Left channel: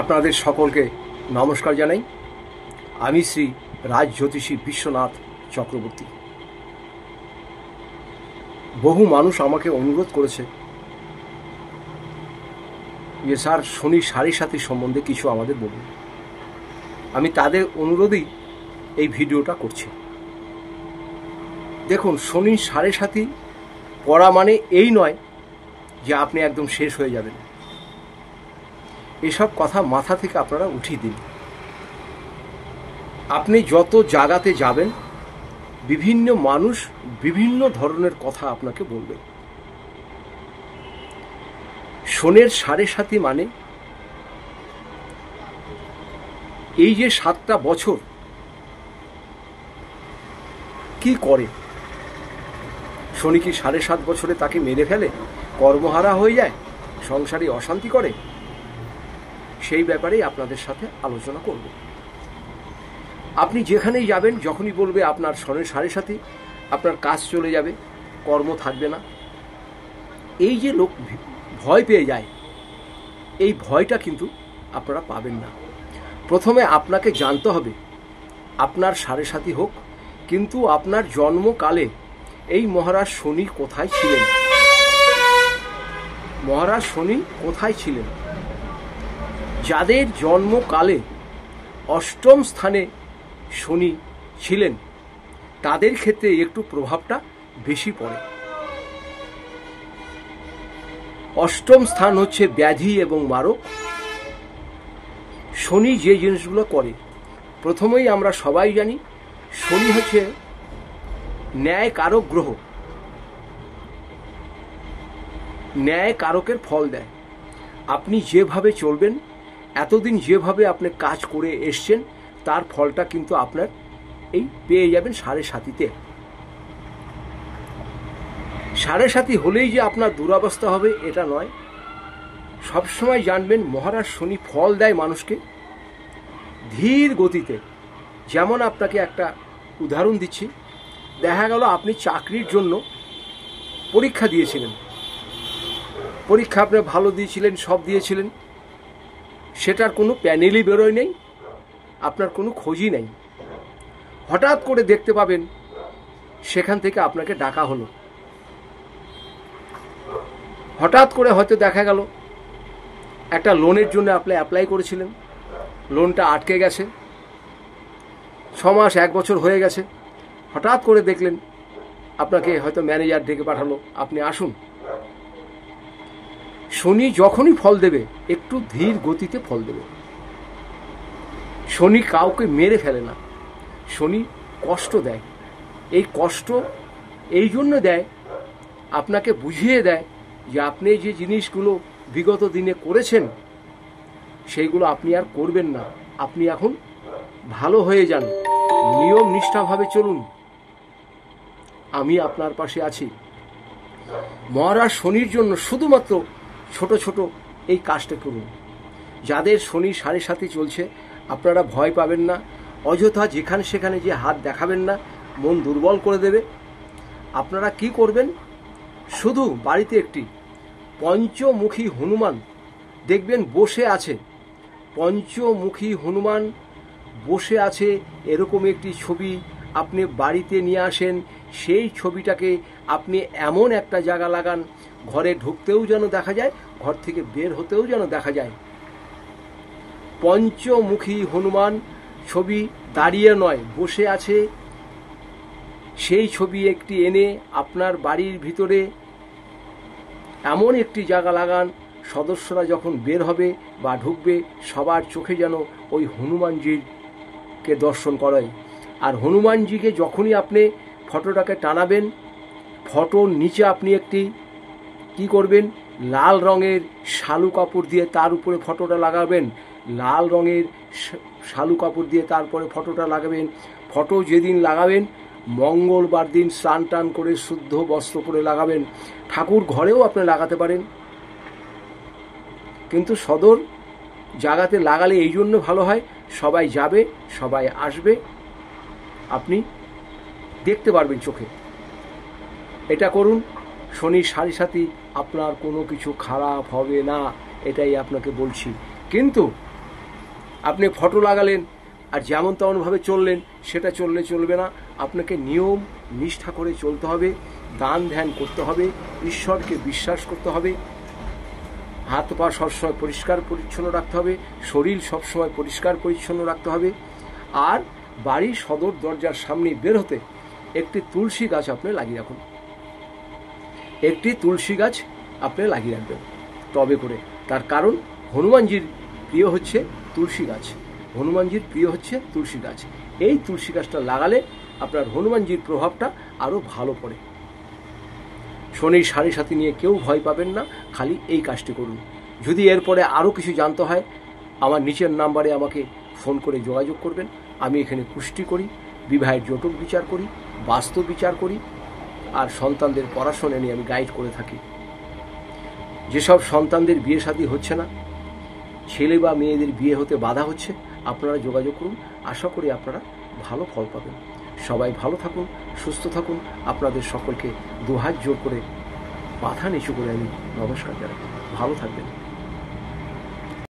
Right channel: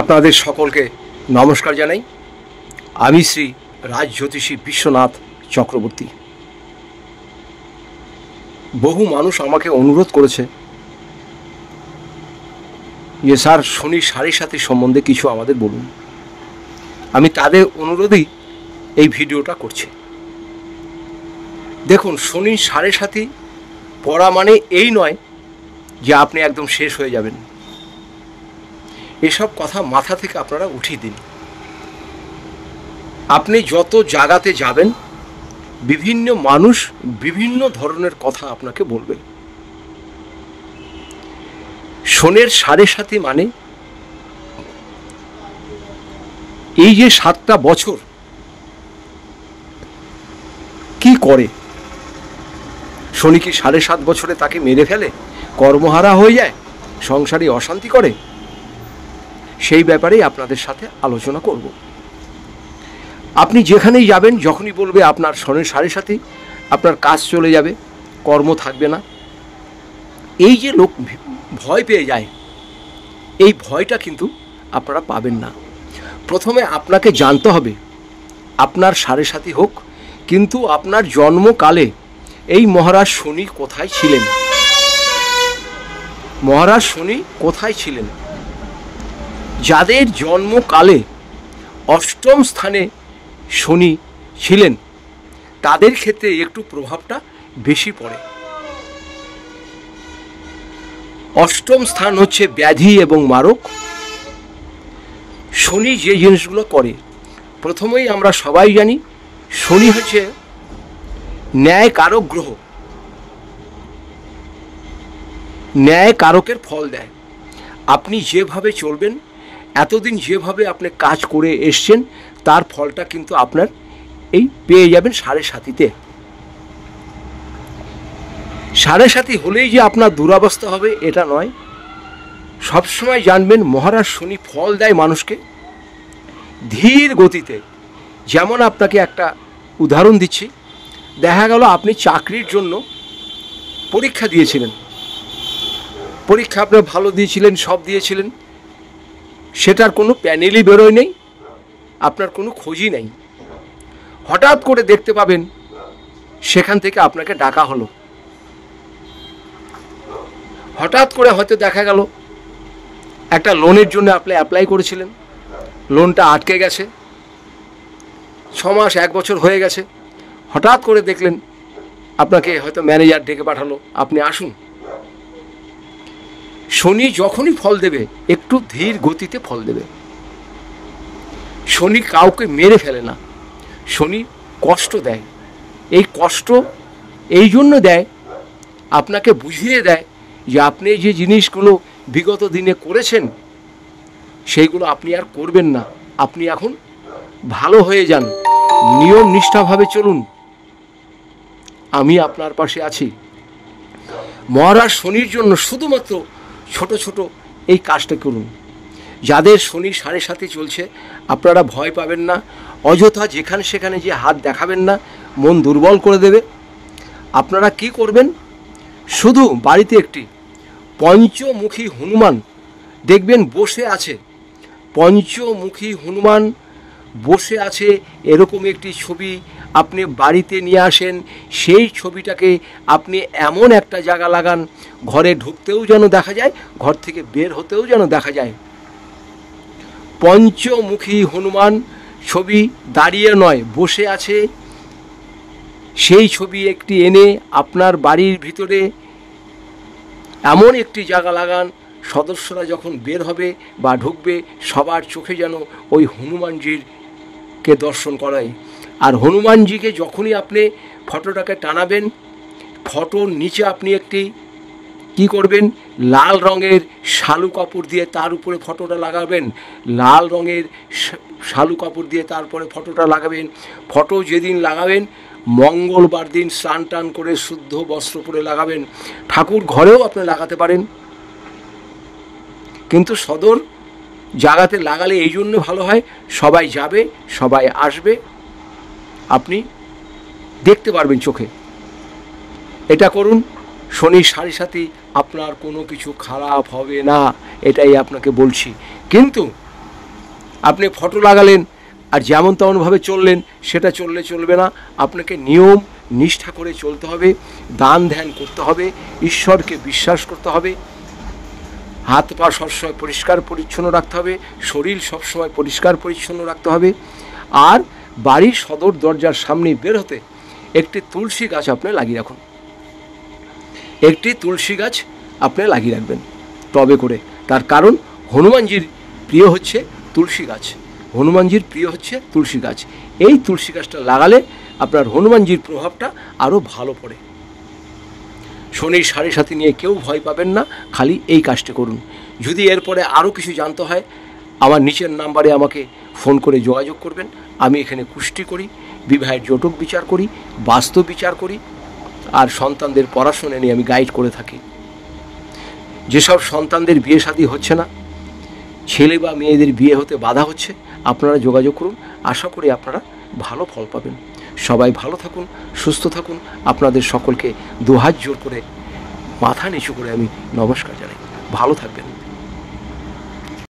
আপনাদের সকলকে নমস্কার জানাই। আমি শ্রী রাজজ্যোতিষী বিশ্বনাথ চক্রবর্তী। বহু মানুষ আমাকে অনুরোধ করেছে যে স্যার শনি সাড়ে সাথী সম্বন্ধে কিছু আমাদের বলুন। আমি তাদের অনুরোধেই এই ভিডিওটা করছি। দেখুন, শনি সাড়ে সাথী পড়া মানে এই নয় যে আপনি একদম শেষ হয়ে যাবেন। এসব কথা মাথা থেকে আপনারা উঠিয়ে দিন। আপনি যত জায়গাতে যাবেন বিভিন্ন মানুষ বিভিন্ন ধরনের কথা আপনাকে বলবে। শনির সাড়ে সাথী মানে এই যে 7টা বছর কি করে, শনি কি 7.5 বছরে তাকে মেরে ফেলে, কর্মহারা হয়ে যায়, সংসারে অশান্তি করে? সেই ব্যাপারেই আপনাদের সাথে আলোচনা করব। আপনি যেখানেই যাবেন, যখনই বলবে আপনার শনির সাড়ে সাথী, আপনার কাজ চলে যাবে, কর্ম থাকবে না, এই যে লোক ভয় পেয়ে যায়, এই ভয়টা কিন্তু আপনারা পাবেন না। প্রথমে আপনাকে জানতে হবে আপনার সাড়ে সাথী হোক, কিন্তু আপনার জন্মকালে এই মহারাজ শনি কোথায় ছিলেন, মহারাজ শনি কোথায় ছিলেন। যাদের জন্মকালে অষ্টম স্থানে শনি ছিলেন তাদের ক্ষেত্রে একটু প্রভাবটা বেশি পড়ে। অষ্টম স্থান হচ্ছে ব্যাধি এবং মারক। শনি যে জিনিসগুলো করে, প্রথমেই আমরা সবাই জানি শনি হচ্ছে ন্যায় কারক গ্রহ, ন্যায় কারকের ফল দেয়। আপনি যেভাবে চলবেন, এতদিন যেভাবে আপনি কাজ করে এসছেন, তার ফলটা কিন্তু আপনার এই পেয়ে যাবেন সাড়ে সাথীতে। সাড়ে সাথী হলেই যে আপনার দুরবস্থা হবে এটা নয়। সবসময় জানবেন মহারাজ শনি ফল দেয় মানুষকে ধীর গতিতে। যেমন আপনাকে একটা উদাহরণ দিচ্ছি। দেখা গেল আপনি চাকরির জন্য পরীক্ষা দিয়েছিলেন, পরীক্ষা আপনি ভালো দিয়েছিলেন, সব দিয়েছিলেন, সেটার কোনো প্যানেলই বেরোয় নেই, আপনার কোনো খোঁজই নেই। হঠাৎ করে দেখতে পাবেন সেখান থেকে আপনাকে ডাকা হলো। হঠাৎ করে হয়তো দেখা গেল একটা লোনের জন্য আপনি অ্যাপ্লাই করেছিলেন, লোনটা আটকে গেছে, 6 মাস 1 বছর হয়ে গেছে। হঠাৎ করে দেখলেন আপনাকে হয়তো ম্যানেজার ডেকে পাঠালো, আপনি আসুন। শনি যখনই ফল দেবে একটু ধীর গতিতে ফল দেবে। শনি কাউকে মেরে ফেলে না, শনি কষ্ট দেয়। এই কষ্ট এই জন্য দেয়, আপনাকে বুঝিয়ে দেয় যে আপনি যে জিনিসগুলো বিগত দিনে করেছেন সেইগুলো আপনি আর করবেন না। আপনি এখন ভালো হয়ে যান, নিয়ম নিষ্ঠাভাবে চলুন, আমি আপনার পাশে আছি। মহারাজ শনির জন্য শুধুমাত্র ছোট ছোট এই কাজটা করুন। যাদের শনি সাড়ে সাথী চলছে আপনারা ভয় পাবেন না, অযথা যেখানে সেখানে যে হাত দেখাবেন না, মন দুর্বল করে দেবে। আপনারা কি করবেন, শুধু বাড়িতে একটি পঞ্চমুখী হনুমান দেখবেন বসে আছে, পঞ্চমুখী হনুমান বসে আছে এরকম একটি ছবি আপনি বাড়িতে নিয়ে আসেন। সেই ছবিটাকে আপনি এমন একটা জায়গা লাগান, ঘরে ঢুকতেও যেন দেখা যায়, ঘর থেকে বের হতেও যেন দেখা যায়। পঞ্চমুখী হনুমান ছবি দাঁড়িয়ে নয়, বসে আছে, সেই ছবি একটি এনে আপনার বাড়ির ভিতরে এমন একটি জায়গা লাগান, সদস্যরা যখন বের হবে বা ঢুকবে সবার চোখে যেন ওই হনুমানজিকে দর্শন করায়। আর হনুমানজিকে যখনই আপনি ফটোটাকে টানাবেন, ফটোর নিচে আপনি একটি কি করবেন, লাল রঙের শালু কাপড় দিয়ে তার উপরে ফটোটা লাগাবেন, লাল রঙের শালু কাপড় দিয়ে তারপরে ফটোটা লাগাবেন। ফটো যেদিন লাগাবেন মঙ্গলবার দিন স্নান টান করে শুদ্ধ বস্ত্র পরে লাগাবেন। ঠাকুর ঘরেও আপনি লাগাতে পারেন, কিন্তু সদর জায়গাতে লাগালে এই জন্য ভালো হয়, সবাই যাবে, সবাই আসবে, আপনি দেখতে পারবেন চোখে। এটা করুন। শনি সাড়ে সাথী আপনার কোনো কিছু খারাপ হবে না, এটাই আপনাকে বলছি। কিন্তু আপনি ফটো লাগালেন আর যেমন তেমনভাবে চললেন, সেটা চললে চলবে না। আপনাকে নিয়ম নিষ্ঠা করে চলতে হবে, দান ধ্যান করতে হবে, ঈশ্বরকে বিশ্বাস করতে হবে, হাত পা সবসময় পরিষ্কার পরিচ্ছন্ন রাখতে হবে, শরীর সবসময় পরিষ্কার পরিচ্ছন্ন রাখতে হবে। আর বাড়ির সদর দরজার সামনে বের হতে একটি তুলসী গাছ আপনি লাগিয়ে রাখুন, একটি তুলসী গাছ আপনি লাগিয়ে রাখবেন টবে করে। তার কারণ হনুমানজির প্রিয় হচ্ছে তুলসী গাছ, হনুমানজির প্রিয় হচ্ছে তুলসী গাছ। এই তুলসী গাছটা লাগালে আপনার হনুমানজির প্রভাবটা আরও ভালো পড়ে। শনির সাড়ে সাথী নিয়ে কেউ ভয় পাবেন না, খালি এই কাজটি করুন। যদি এরপরে আরও কিছু জানতে হয়, আমার নিচের নাম্বারে আমাকে ফোন করে যোগাযোগ করবেন। আমি এখানে কুষ্টি করি, বিবাহের জটক বিচার করি, বাস্তু বিচার করি, আর সন্তানদের পড়াশোনা নিয়ে আমি গাইড করে থাকি। যেসব সন্তানদের বিয়ে শাদী হচ্ছে না, ছেলে বা মেয়েদের বিয়ে হতে বাধা হচ্ছে, আপনারা যোগাযোগ করুন। আশা করি আপনারা ভালো ফল পাবেন। সবাই ভালো থাকুন, সুস্থ থাকুন। আপনাদের সকলকে দুহাত জোর করে মাথা নিচু করে আমি নমস্কার জানাই। ভালো থাকবেন।